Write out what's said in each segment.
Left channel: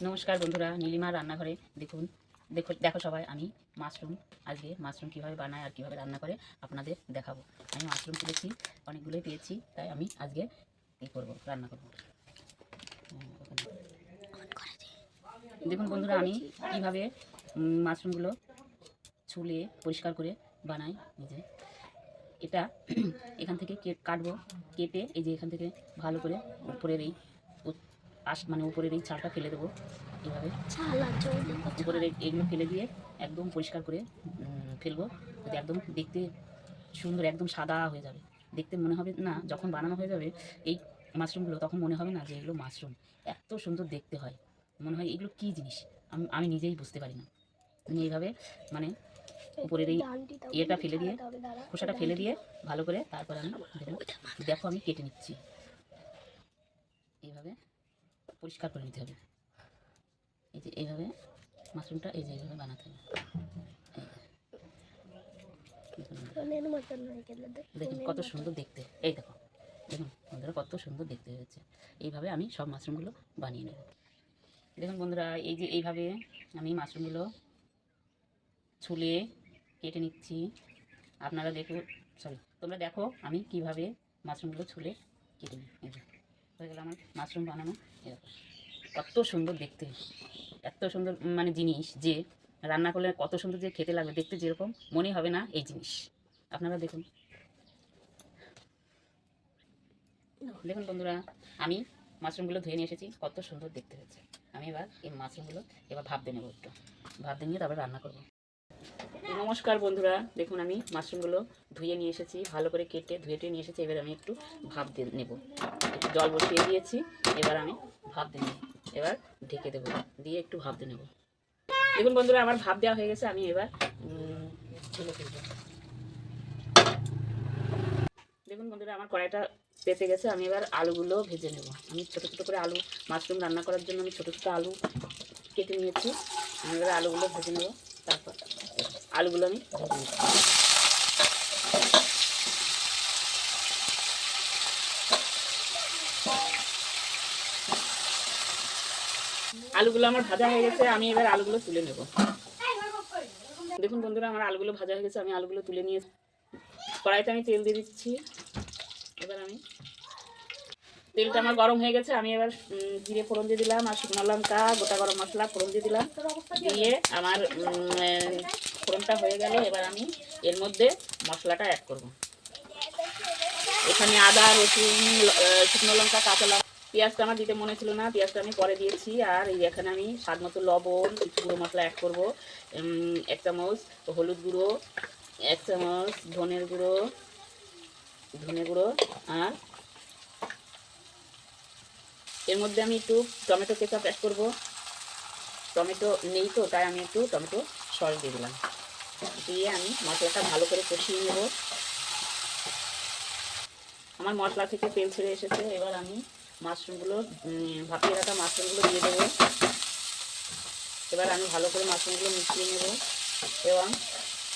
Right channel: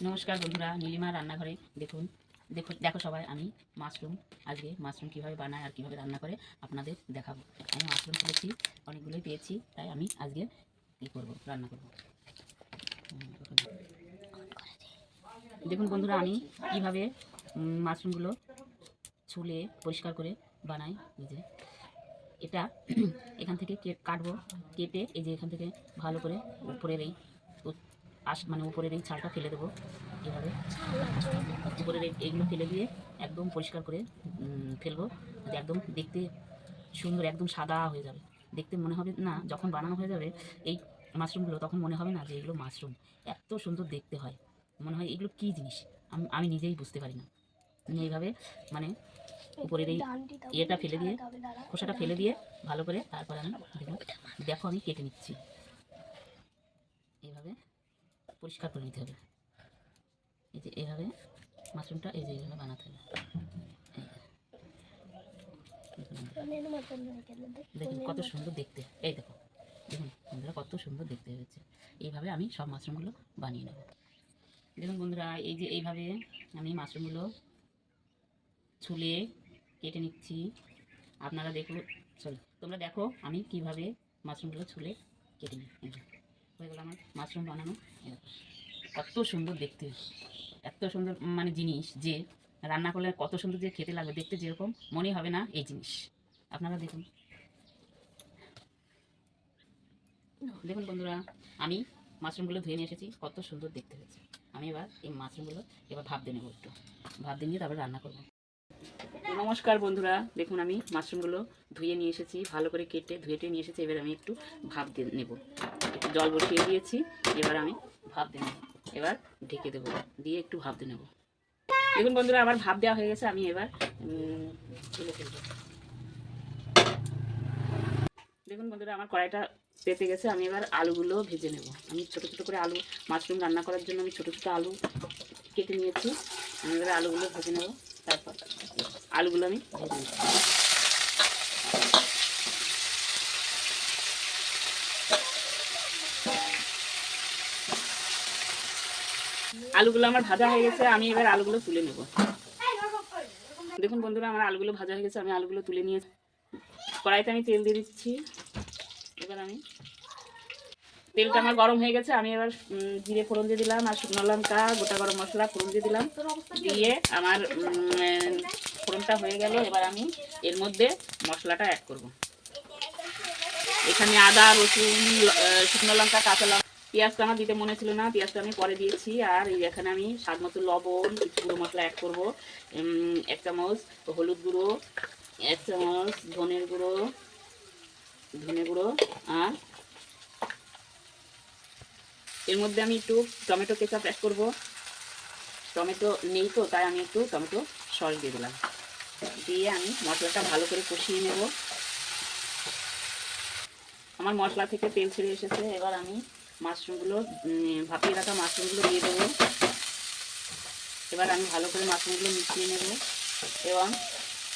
নমস্কার বন্ধুরা, নীলিমা রান্নাঘরে দেখো সবাই, আমি আজকে মাশরুম কীভাবে বানায় আর কীভাবে রান্না করে আপনাদের দেখাবো। আমি মাশরুম পেয়েছি, অনেকগুলোই পেয়েছি, তাই আমি আজকে রান্না করব। দেখুন বন্ধুরা, আমি কীভাবে মাশরুমগুলো ছুলে পরিষ্কার করে বানাই। এই যে এটা এখান থেকে কাটবো, কেটে এই যে এখান থেকে ভালো করে উপরের এই উপরের এই ছালটা ফেলে দেবো। এভাবে উপরের এইগুলো ফেলে দিয়ে একদম পরিষ্কার করে ফেলবো, যাতে একদম দেখতে সুন্দর, একদম সাদা হয়ে যাবে। দেখতে মনে হবে না, যখন বানানো হয়ে যাবে এই মাশরুমগুলো, তখন মনে হবে না যে এগুলো মাশরুম। এত সুন্দর দেখতে হয়, মনে হয় এগুলো কী জিনিস, আমি নিজেই বুঝতে পারি না। এইভাবে উপরের এই ইয়েটা ফেলে দিয়ে, খোসাটা ফেলে দিয়ে ভালো করে তারপর আমি দেখো আমি কেটে নিচ্ছি। এইভাবে পরিষ্কার করে নিতে হবে। এই যে এইভাবে মাশরুমটা এই যে এইভাবে বানাতে হবে। দেখুন কত সুন্দর দেখতে, এই দেখো দেখুন বন্ধুরা কত সুন্দর দেখতে হয়েছে। এইভাবে আমি সব মাশরুমগুলো বানিয়ে নেব। দেখুন বন্ধুরা, এই যে এইভাবে আমি মাশরুমগুলো ছুলে কেটে নিচ্ছি। আপনারা তোমরা দেখো আমি কিভাবে মাশরুমগুলো ছুলে কেটে নিই। হয়ে গেল আমার মাশরুম বানানো। কত সুন্দর দেখতে, এত সুন্দর জিনিস, যে রান্না করলে কত সুন্দর যে খেতে লাগবে, দেখতে যেরকম মনে হবে না এই জিনিস। আপনারা দেখুন দেখুন বন্ধুরা, আমি মাশরুমগুলো ধুয়ে নিয়ে এসেছি, কত সুন্দর দেখতে হয়েছে। আমি এবার এই মাশরুমগুলো ভাপ দিয়ে নেবো, একটু ভাপ দিয়ে নিয়ে তারপর রান্না করবো। নমস্কার বন্ধুরা, দেখুন আমি মাশরুমগুলো ধুয়ে নিয়ে এসেছি, ভালো করে কেটে ধুয়ে নিয়ে এসেছি। এবার আমি একটু ভাপ দিয়ে নেব, জল বসিয়ে দিয়েছি, এবার আমি ভাপ দিয়ে নেব। এবার ঢেকে দেবো, দিয়ে একটু ভাপ দিয়ে নেব। দেখুন বন্ধুরা, আমার ভাপ দেওয়া হয়ে গেছে, আমি এবার ঢেলে ফেলবো। দেখুন বন্ধুরা, আমার কড়াইটা পেতে গেছে, আমি এবার আলুগুলো ভেজে নেব। আমি ছোটো ছোটো করে আলু, মাশরুম রান্না করার জন্য আমি ছোটো ছোটো আলু কেটে নিয়েছি। আমি এবার আলুগুলো ভেজে নেব। তারপর আলুগুলো আমি ভেজে নিচ্ছি। আলুগুলো আমার ভাজা হয়ে গেছে, আমি এবার আলুগুলো তুলে নেব। দেখুন বন্ধুরা, আমার আলুগুলো ভাজা হয়ে গেছে, আমি আলুগুলো তুলে নিয়ে কড়াইতে আমি তেল দিয়ে দিচ্ছি। এবার আমি তেলটা আমার গরম হয়ে গেছে, আমি এবার জিরে ফোড়ন দিয়ে দিলাম, আর শুকনো লঙ্কা, গোটা গরম মশলা ফোড়ন দিয়ে দিলাম। দিয়ে আমার ফোড়নটা হয়ে গেল, এবার আমি এর মধ্যে মশলাটা অ্যাড করব। এখানে আদা, রসুন, শুকনো লঙ্কা, কাঁচা লঙ্কা, পেঁয়াজটা আমার দিতে মনে ছিল না, পেঁয়াজটা আমি পরে দিয়েছি। আর এই এখানে আমি স্বাদ মতো লবণ, কিছু গুঁড়ো মশলা অ্যাড করবো। 1 চামচ হলুদ গুঁড়ো, 1 চামচ ধনে গুঁড়ো, আর এর মধ্যে আমি একটু টমেটো কেচাপ অ্যাড করবো। টমেটো নেই তো, তাই আমি একটু টমেটো সস দিয়ে দিলাম। দিয়ে আমি মশলাটা ভালো করে কষিয়ে নেব। আমার মশলা থেকে তেল ছেড়ে এসেছে, এবার আমি মাশরুমগুলো, ভাপিয়ে রাখা মাশরুমগুলো দিয়ে দেবো। এবার আমি ভালো করে মাশরুমগুলো মিশিয়ে নেব এবং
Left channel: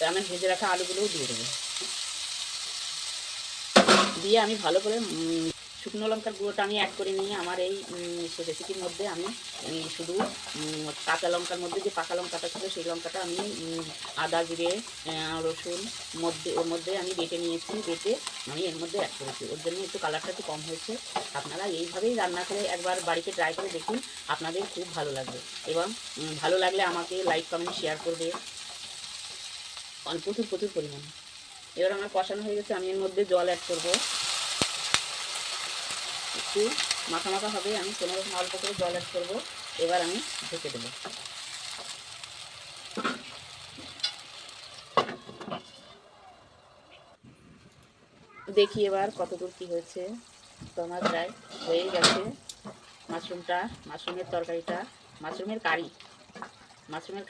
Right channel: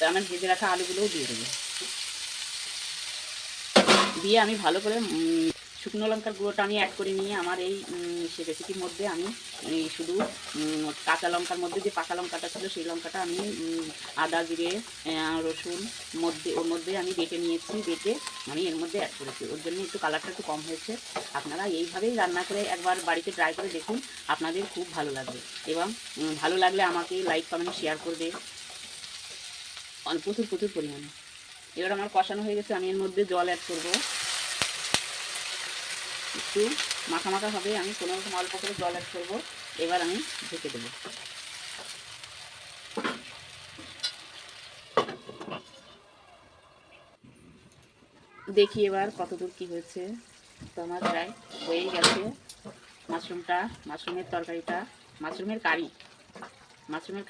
আমার ভেজে রাখা আলুগুলোও দিয়ে দেবো। দিয়ে আমি ভালো করে শুকনো লঙ্কার গুঁড়োটা আমি অ্যাড করে নিয়ে আমার এই রেসিপির মধ্যে আমি শুধু কাঁচা লঙ্কার মধ্যে যে পাকা লঙ্কাটা ছিল সেই লঙ্কাটা আমি আদা, জিরে, রসুন ওর মধ্যে আমি বেটে নিয়েছি, বেটে আমি এর মধ্যে অ্যাড করেছি। ওর জন্য একটু কালারটা একটু কম হয়েছে। আপনারা এইভাবেই রান্না করে একবার বাড়িতে ট্রাই করে দেখুন, আপনাদের খুব ভালো লাগবে। এবং ভালো লাগলে আমাকে লাইক, কমেন্ট, শেয়ার করবে প্রচুর পরিমাণে। এবার আমার কষানো হয়ে গেছে, আমি এর মধ্যে জল অ্যাড করবো। একটু মাখা মাখা হবে, আমি কোনো রকম অল্প করে জল অ্যাড করবো। এবার আমি ঢেকে দেবো। দেখি এবার কতদূর কি হয়েছে। তো আমার প্রায় হয়েই গেছে মাশরুমের তরকারিটা, মাশরুমের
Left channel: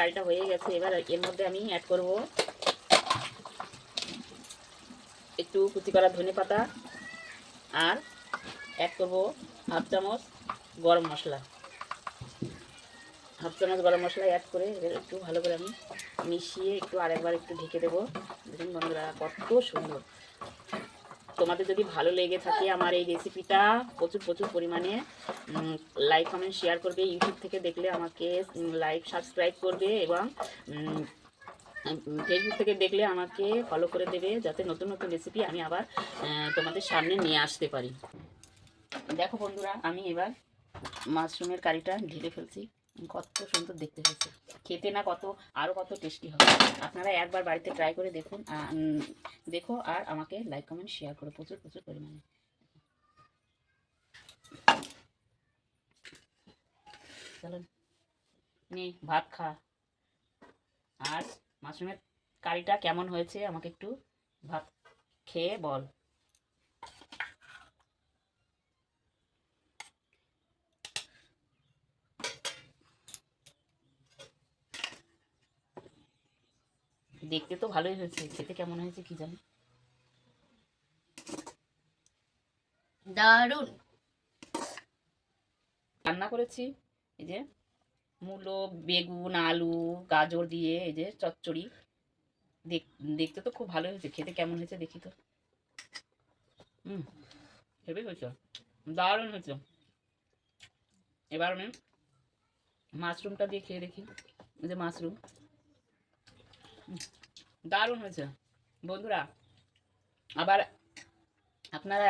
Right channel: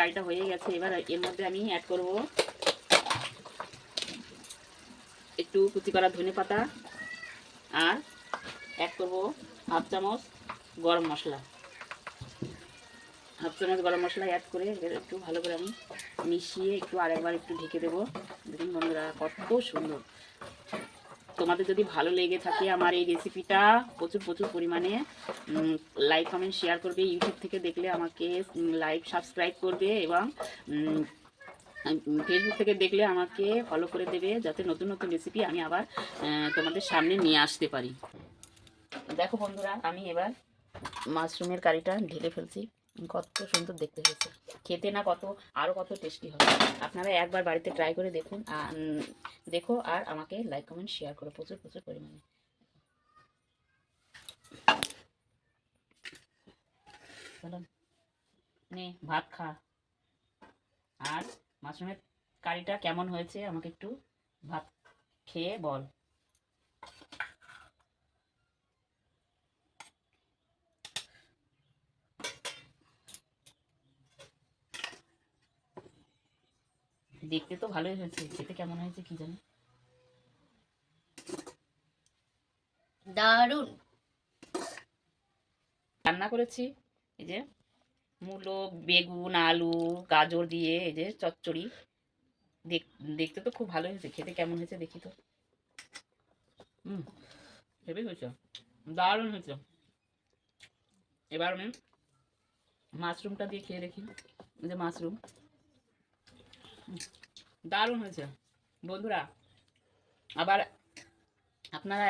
কারিটা হয়ে গেছে। এবার এর মধ্যে আমি অ্যাড করব একটু কুচি করা ধনেপাতা, আর অ্যাড করব হাফ চামচ গরম মশলা। অ্যাড করে একটু ভালো করে আমি মিশিয়ে একটু আরেকবার একটু ঢেকে দেবো। দেখুন বন্ধুরা, কত সুন্দর তোমাদের যদি ভালো লেগে থাকে আমার এই রেসিপিটা, প্রচুর প্রচুর পরিমাণে লাইক কমেন্ট শেয়ার করবে। ইউটিউব থেকে দেখলে আমাকে লাইক সাবস্ক্রাইব করবে, এবং ফেসবুক থেকে দেখলে আমাকে ফলো করে দেবে, যাতে নতুন নতুন রেসিপি আমি আবার তোমাদের সামনে নিয়ে আসতে পারি। দেখো বন্ধুরা, আমি এবার মাশরুমের কারিটা ঢেলে ফেলছি। কত সুন্দর দেখতে হয়েছে, খেতে না আরও কত টেস্টি হবে। আপনারা একবার বাড়িতে ট্রাই করে দেখুন, দেখো, আর আমাকে লাইক কমেন্ট শেয়ার করো প্রচুর প্রচুর পরিমাণে। চলো নে ভাত খা। আর মাশরুমের কারিটা কেমন হয়েছে আমাকে একটু ভাত খেয়ে বল। দেখতে তো ভালোই হয়েছে, খেতে কেমন হয়েছে কি জানি। দারুণ রান্না করেছি এই যে মূলো, বেগুন, আলু, গাজর দিয়ে এই যে চচ্চড়ি। দেখতে তো খুব ভালো হয়েছে, খেতে কেমন হয়েছে দেখি তো। হেভি হয়েছে, দারুণ হয়েছে। এবার আমি মাশরুমটা দিয়ে খেয়ে দেখি। এই যে মাশরুম, দারুণ হয়েছে বন্ধুরা। আবার আপনারা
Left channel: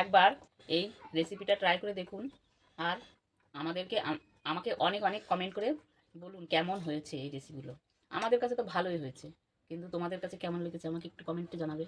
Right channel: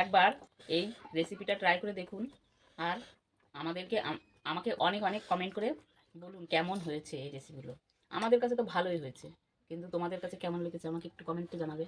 একবার এই রেসিপিটা ট্রাই করে দেখুন, আর আমাকে অনেক অনেক কমেন্ট করে বলুন কেমন হয়েছে এই রেসিপিগুলো। আমাদের কাছে তো ভালোই হয়েছে, কিন্তু তোমাদের কাছে কেমন লেগেছে আমাকে একটু কমেন্টে জানাবে।